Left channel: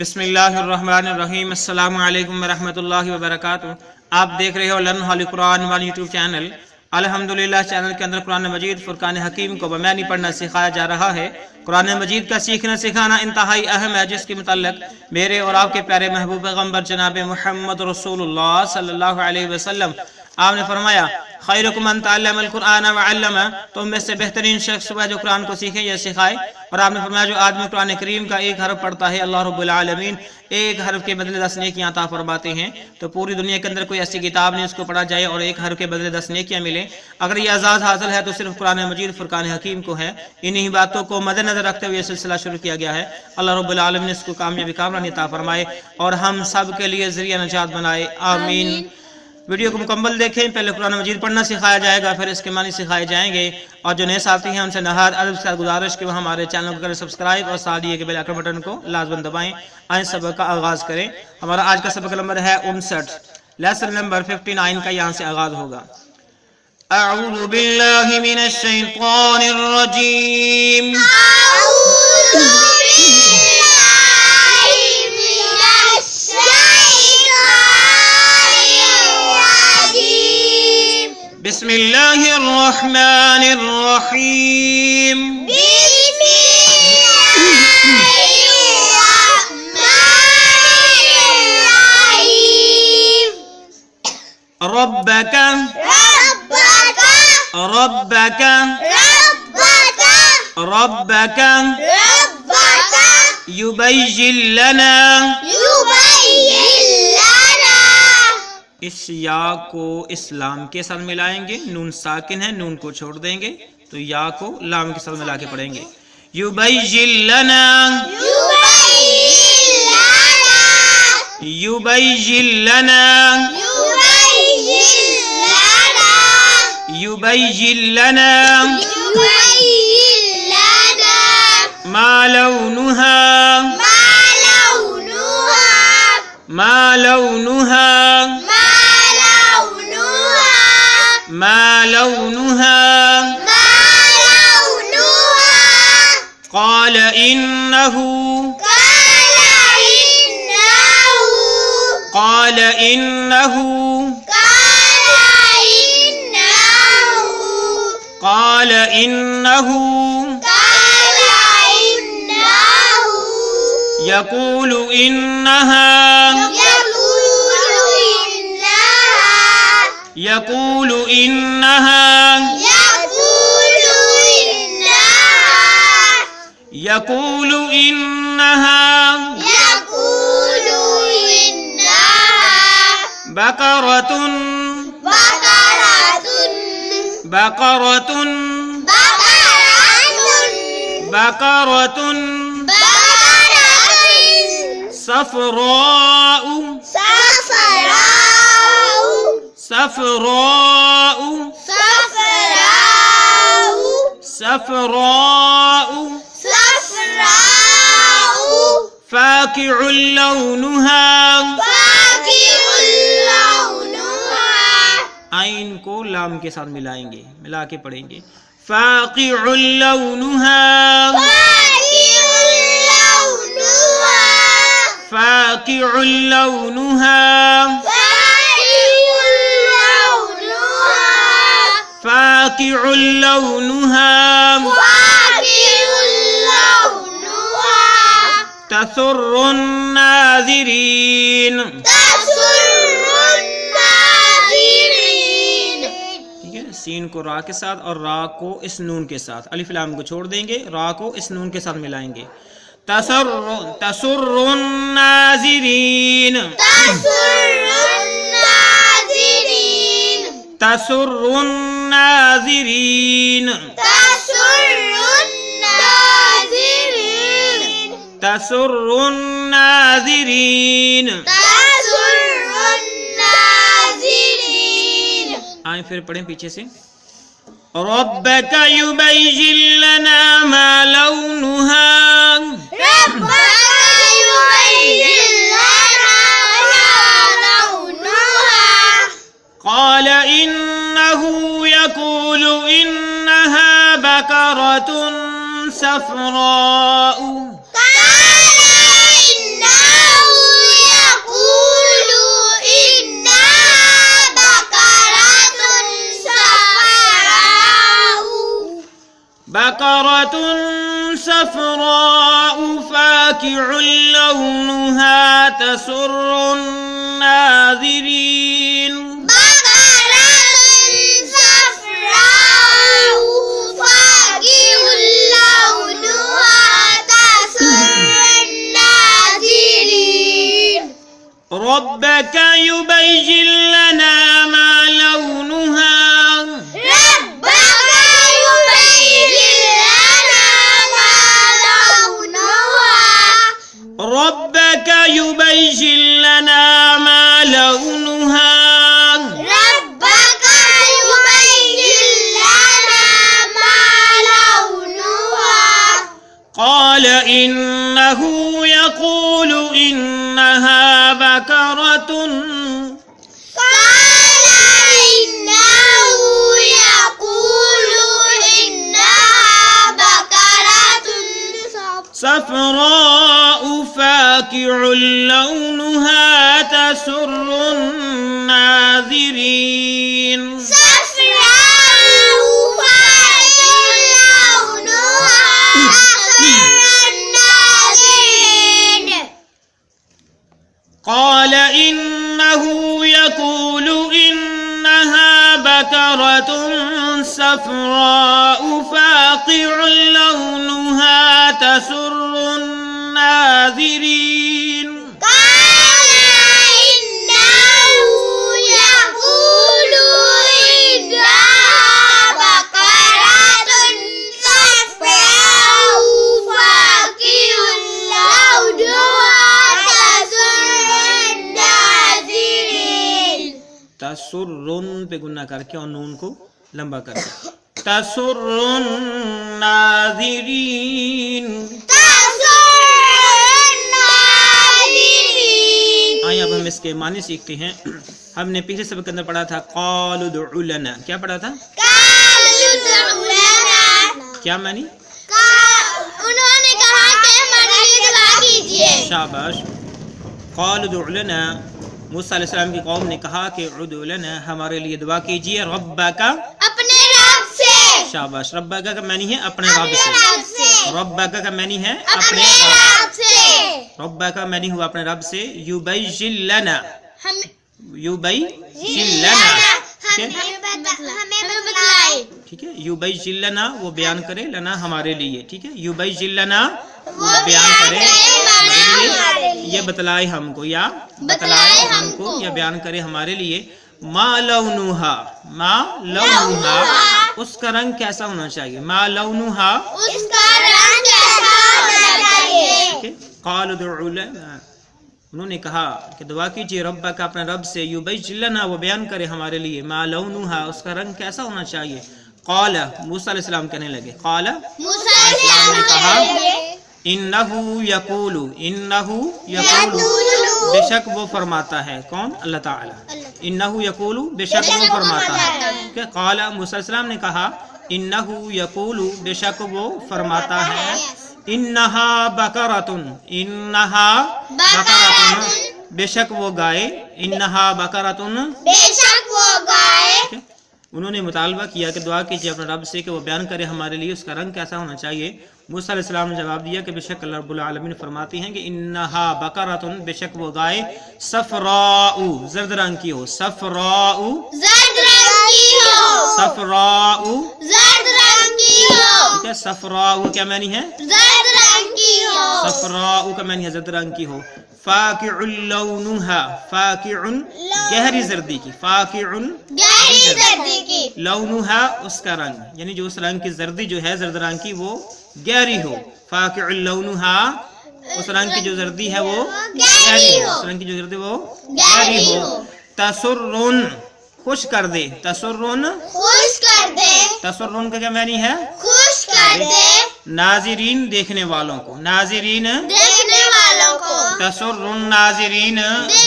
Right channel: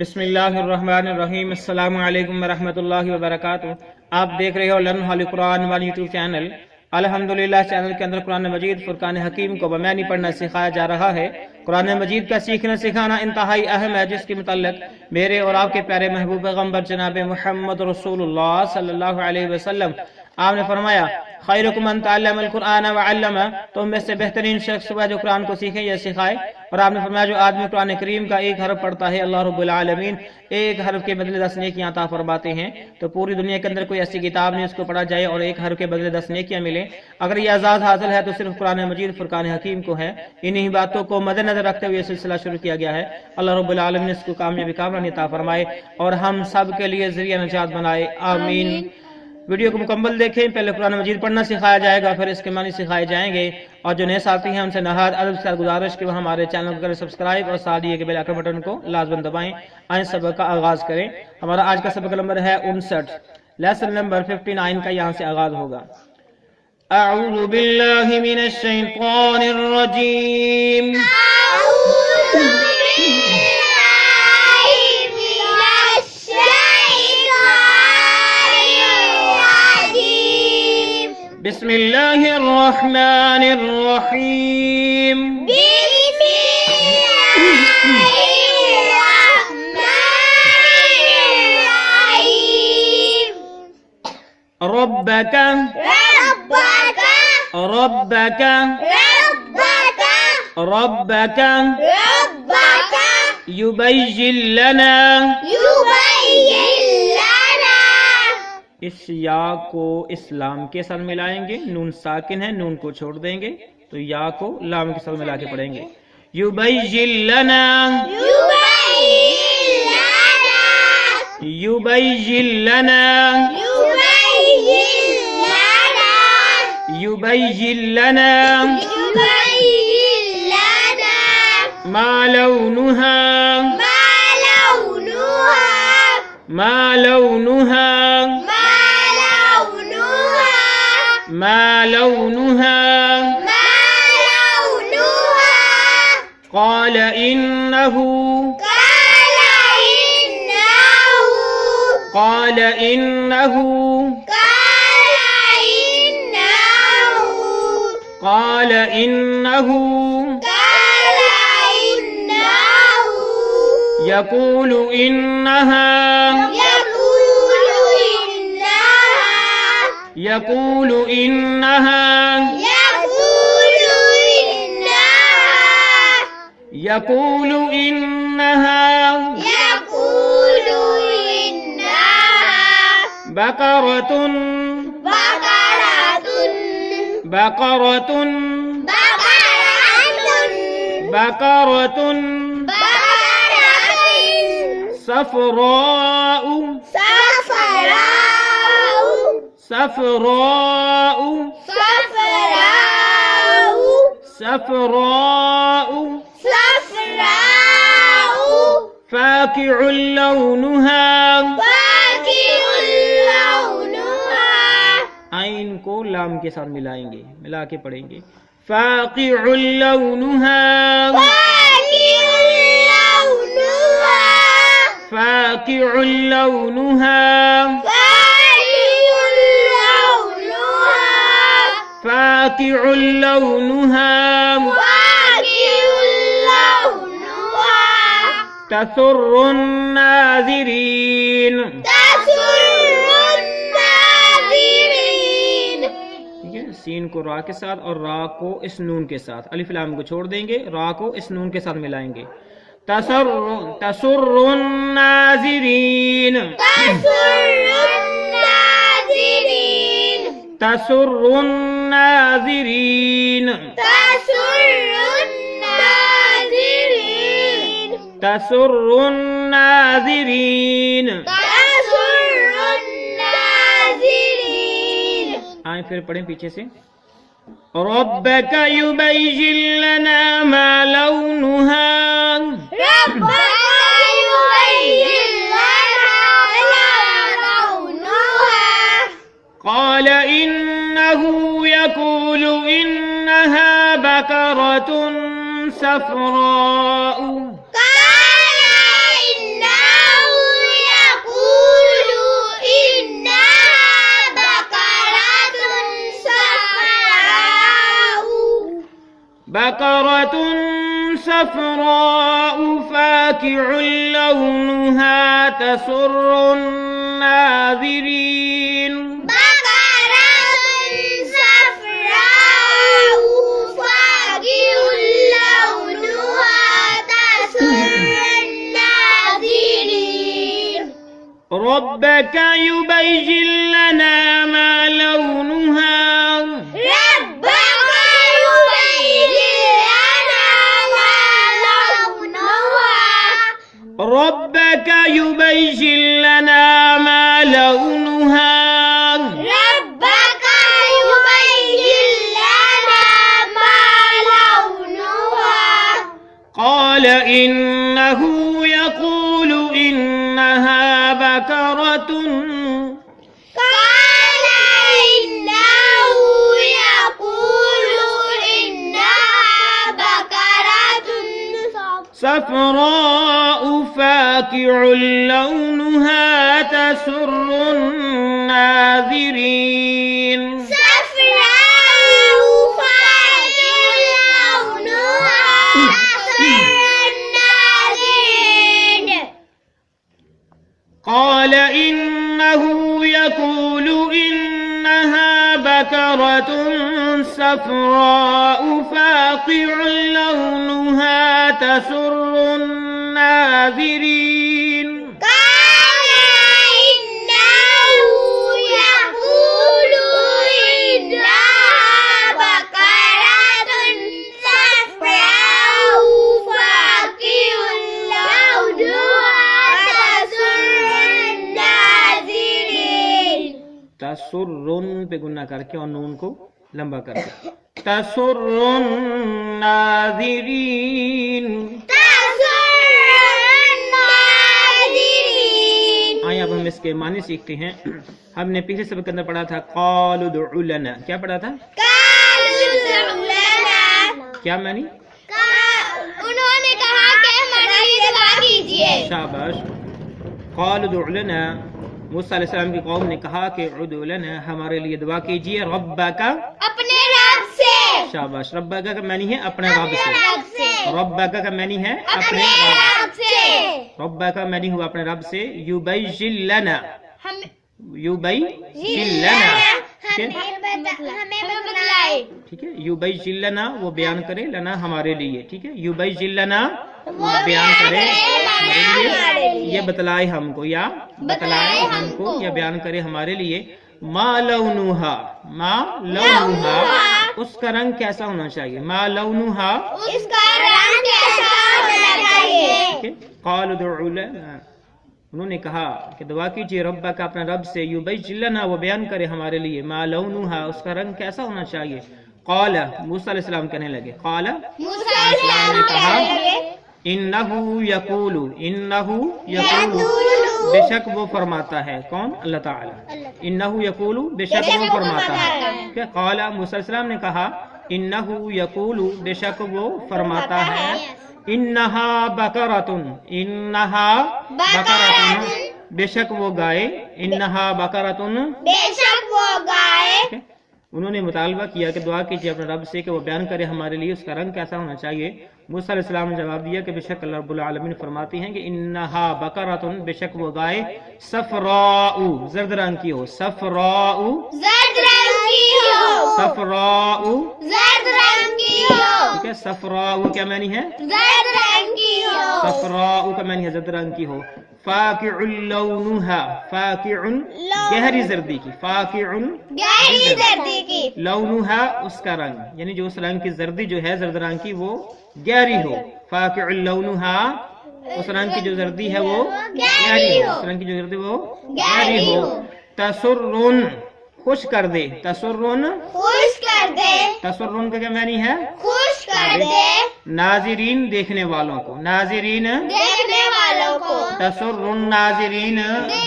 بسم اللہ الرحمن الرحیم۔ السلام علیکم ورحمۃ اللہ وبرکاتہ۔ آپ دیکھ رہے ہو لرن ہالی قرآن وان یوٹیوب چینل۔ الحمدللہ چینل کے اندر قرآن مجید فرقان حکیم کو بمعنی پڑھنا سکھایا جا رہا ہے۔ قرآن مجید کا سیکھنا سکھانا انتہائی اہم ہے، جس کے متعلق میرے اور آپ کے پیارے محبوب پیغمبر جناب محمد رسول اللہ صلی اللہ علیہ وسلم آپ نے فرمایا خیرکم من تعلم القرآن وعلمہ، تم میں سے بہترین شخص وہ ہے جو قرآن کو سیکھے یا سکھائے۔ اور آپ نے فرمایا جو آدمی قرآن کریم کا ایک حرف پڑھتا ہے اللہ رب العالمین ایک حرف کے بدلے 10 نیکیاں عطا فرماتے ہیں۔ تو پوری دنیا کے اندر کوئی ایسی کتاب نہیں اس کو پڑھا جائے اور ایک حرف کے بدلے 10 نیکیاں ملیں۔ اگر یہ اعزاز حاصل ہے تو صرف قرآن مجید فرقان حکیم کو ہے۔ انہی باتوں کو مد نظر رکھتے ہوئے یہ سلسلہ شروع کیا گیا ہے۔ اللہ رب العالمین نے اس کو کامیابی کامرانی عطا فرمائے اور ہم سب کے لیے ذریعہ نجات بنائے، آمین۔ ویڈیو کو مکمل دیکھیں۔ پہلے قرآن مجید پڑھنا سکھایا جائے گا، پھر اس کے معنی سکھائے جائیں گے۔ اور جو نئے ساتھی ہیں ان سے نہایت ادب کے ساتھ گزارش کہ وہ ہمارے چینل کو کریں سبسکرائب اور ساتھ یہ کہ بیل آئیکن بٹن کو لازماً دبائیں۔ آئیں سبق کا آغاز کریں۔ ہمارا آج کا سبق نمبر ہے 59، لیسن نمبر 59 کا یہاں سے آغاز ہوگا۔ اعوذ باللہ من الشیطان الرجیم۔ بسم اللہ الرحمن الرحیم۔ ربک ربک ربک یبین لنا، اس یا کو اس لام کے ساتھ ملائیں گے، نون ساکن ہے، نون کو چھوڑ دیں گے تو یا کو لام کے ساتھ ملا کے پڑھیں گے۔ یبین لنا یبین لنا یبین لنا ما لونها ما لونها ما لونها قال إنه قال إنه قال إنه يقول إنها يقول إنها يقول إنها بقرة بقرة بقرة صفراء صفراء صفراء فاقع لونها، عین کو لام کے ساتھ ملائیں گے، ملا کے پڑھیں گے۔ فاقع لونها فاقع لونها فاقع لونها تسر الناظرین، ٹھیک ہے۔ سین کو را کے ساتھ اور را کو اس نون کے ساتھ، الف لام کو چھوڑ دیں گے، را کو اس نون کے ساتھ ملائیں گے۔ تسر الناظرین تسر الناظرین تسر الناظرین۔ آئیں پھر پڑھیں پیچھے سے۔ ربک یبین لنا ما لونها قال إنه يقول إنها بقرة صفراء بقرة صفراء فاقع لونها تسر الناظرين ربك يبين لنا ما لونها ربك يبين لنا ما لونها ربك يبين لنا ما لونها قال إنه يقول إنها بقرة قال إنه يقول إنها بقرة صفراء فاقع لونها تسر الناظرين صفراء فاقع لونها تسر الناظرين قال إنه يقول إنها بقرة صفراء فاقع لونها تسر الناظرين قال إنه يقول إنها بقرة صفراء فاقع لونها تسر الناظرين تسرن پہ گنہ کر کے اور نون کو لمبا کر کے تسر الناظرین آئیں اب ہم اس کے معنی سیکھتے ہیں. ہم نے پچھلے سبق کے اندر پڑھا تھا قالوا ادع لنا. کیا پڑھا تھا؟ کیا معنی؟ انہوں نے کہا کہ ہمارے لیے دعا کیجیے. شاباش. قالوا ادع لنا، موسیٰ علیہ السلام کی قوم نے کہا کہ ادع لنا، ہمارے لیے دعا کیجیے، ربک، اپنے رب سے. شاباش. ربک کا معنی ہے اپنے رب سے. ربک کا معنی ہے اپنے اپنے رب. رب سے. ربک کا معنی ہوا اپنے رب سے. یبین لنا، ہمیں یبین لنا، ٹھیک ہے، بتلائے. ٹھیک ہے. یبین لنا وہ بیان کرے، لنا ہمارے لیے، ٹھیک ہے. یبین لنا وہ بیان کرے ہمارے لیے، یہ بتلائے ہم کو، یا بتلائے ہم کو، یا بیان کرے ہمارے لیے. ما لونہا، ما لونہا، اس کا رنگ کیسا ہونا چاہیے. ما لونہا، اس کا رنگ کیسا ہونا چاہیے. ٹھیک ہے. قالوا ادع لنا، انہوں نے کہا کہ دعا کیجیے ربک اپنے رب سے، یبین لنا وہ بیان کرے ہمارے لیے، ما لونہا اس کا رنگ کیسا ہونا چاہیے. قال، موسیٰ علیہ السلام کہنے لگے، قال موسیٰ علیہ السلام نے کہا نے انہو یقول، انہو یقول، بے شک وہ فرماتا ہے. کون؟ اللہ تعالی. انہو یقول، بے شک وہ فرماتا ہے. کہ قال، موسیٰ علیہ السلام نے کہا انہو یقول، بے شک وہ فرماتا ہے، انہا بقرۃ، انہا بقرۃ، بے شک وہ گائے، انہا بقرۃ. بے شک وہ گائے. ٹھیک ہے. انہوں نے مطالبہ کیا کہ دعا کیجیے اپنے رب سے کہ وہ بیان کرے ہمارے لیے اس کا رنگ کیسا ہونا چاہیے. موسیٰ علیہ السلام نے جواب دیا کہ بے شک اللہ رب العالمین فرماتی ہیں کہ انہا بقرۃ، بے شک وہ گائے، صفراء، زرد رنگ کی ہو، صفراء، زرد رنگ کی ہو. صفراء، زرد رنگ کی ہو. ٹھیک ہے. صفراء کیا معنی ہے؟ زرد رنگ کی ہو. صفراء کا معنی ہے زرد رنگ کی ہو. فاقع لونہا، فاقع گہری زردی کی، فاقع گہری زردی کی. لونہا اس کا رنگ، یعنی جو اس رنگ کی زردی جو ہے زرد رنگ کی وہ گہری ہو. فاقع لونہا اس رنگ کی جو زردی ہے وہ گہری ہو، اس رنگ کی جو زردی وہ گہری ہو. تسرن خوش کر دے، تسرن، خوش کر دے. تسرن کا کیا معنی ہے؟ خوش کر دے. ناظرین دیکھنے والوں کو، ناظرین، دیکھنے والوں کو. تسرن ناظرین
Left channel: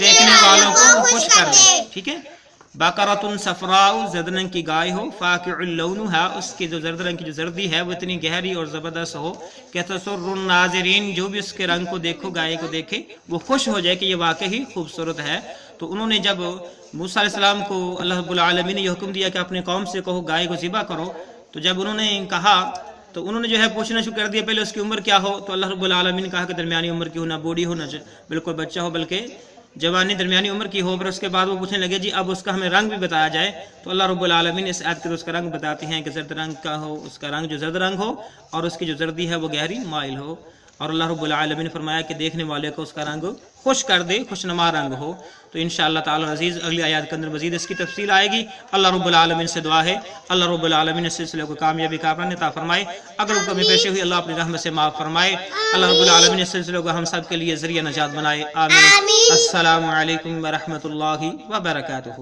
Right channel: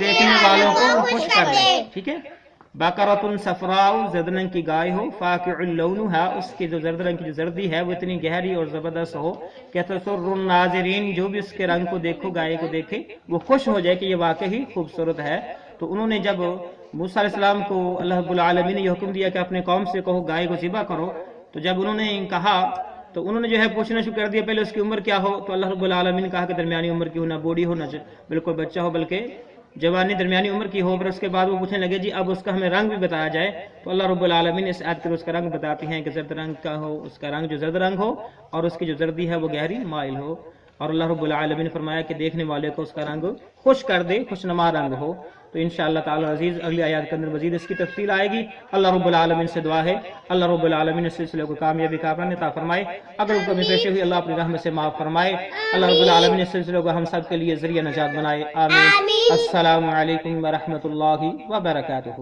دیکھنے والوں کو خوش کر دے. ٹھیک ہے. بقرۃ صفراء زرد رنگ کی گائے ہو، فاقع لونہا اس کی جو زرد رنگ کی جو زردی ہے وہ اتنی گہری اور زبردست ہو کہ تسر الناظرین جو بھی اس کے رنگ کو دیکھو، گائے کو دیکھے وہ خوش ہو جائے کہ یہ واقعی خوبصورت ہے. تو انہوں نے جب موسیٰ علیہ السلام کو اللہ رب العالمین نے یہ حکم دیا کہ اپنے قوم سے کہو گائے کو ذبح کرو، تو جب انہوں نے کہا تو انہوں نے جو ہے پوچھنا شروع کر دیا پہلے اس کی عمر کیا ہو، تو اللہ رب العالمین نے کہا کہ درمیانی عمر کی ہو، نہ بوڑھی ہو نہ بالکل بچہ ہو، بلکہ جوانی درمیانی عمر کی ہو۔ پھر اس کے بعد وہ پوچھنے لگے جی اب اس کا ہمیں رنگ بھی بتایا جائے، تو اللہ رب العالمین اس آیت کے اس کا رنگ بتاتے ہیں کہ زرد رنگ کا ہو، اس کا رنگ جو زرد رنگ ہو، اور اس کی جو زردی ہے وہ گہری مائل ہو۔ اور اللہ رب العالمین نے فرمایا کہ دیکھنے والے کو اس کا رنگ خوش کر دے، خوشنما رنگ ہو۔ تو انشاءاللہ تعالی عزیز اگلی آیات کے اندر مزید اس کی تفصیل آئے گی۔ اللہ رب العالمین سے دعا ہے اللہ رب العالمین اس سلسلے کو کامیابی کا عطا فرمائے، اگر کوئی کمی پیشی ہوئی اللہ اپنی رحمت سے معاف فرمائے، اللہ رب العالمین اس سلسلے کو ہم سب کے لیے ذریعہ نجات بنائے، آمین۔ السلام علیکم ورحمۃ اللہ وبرکاتہ۔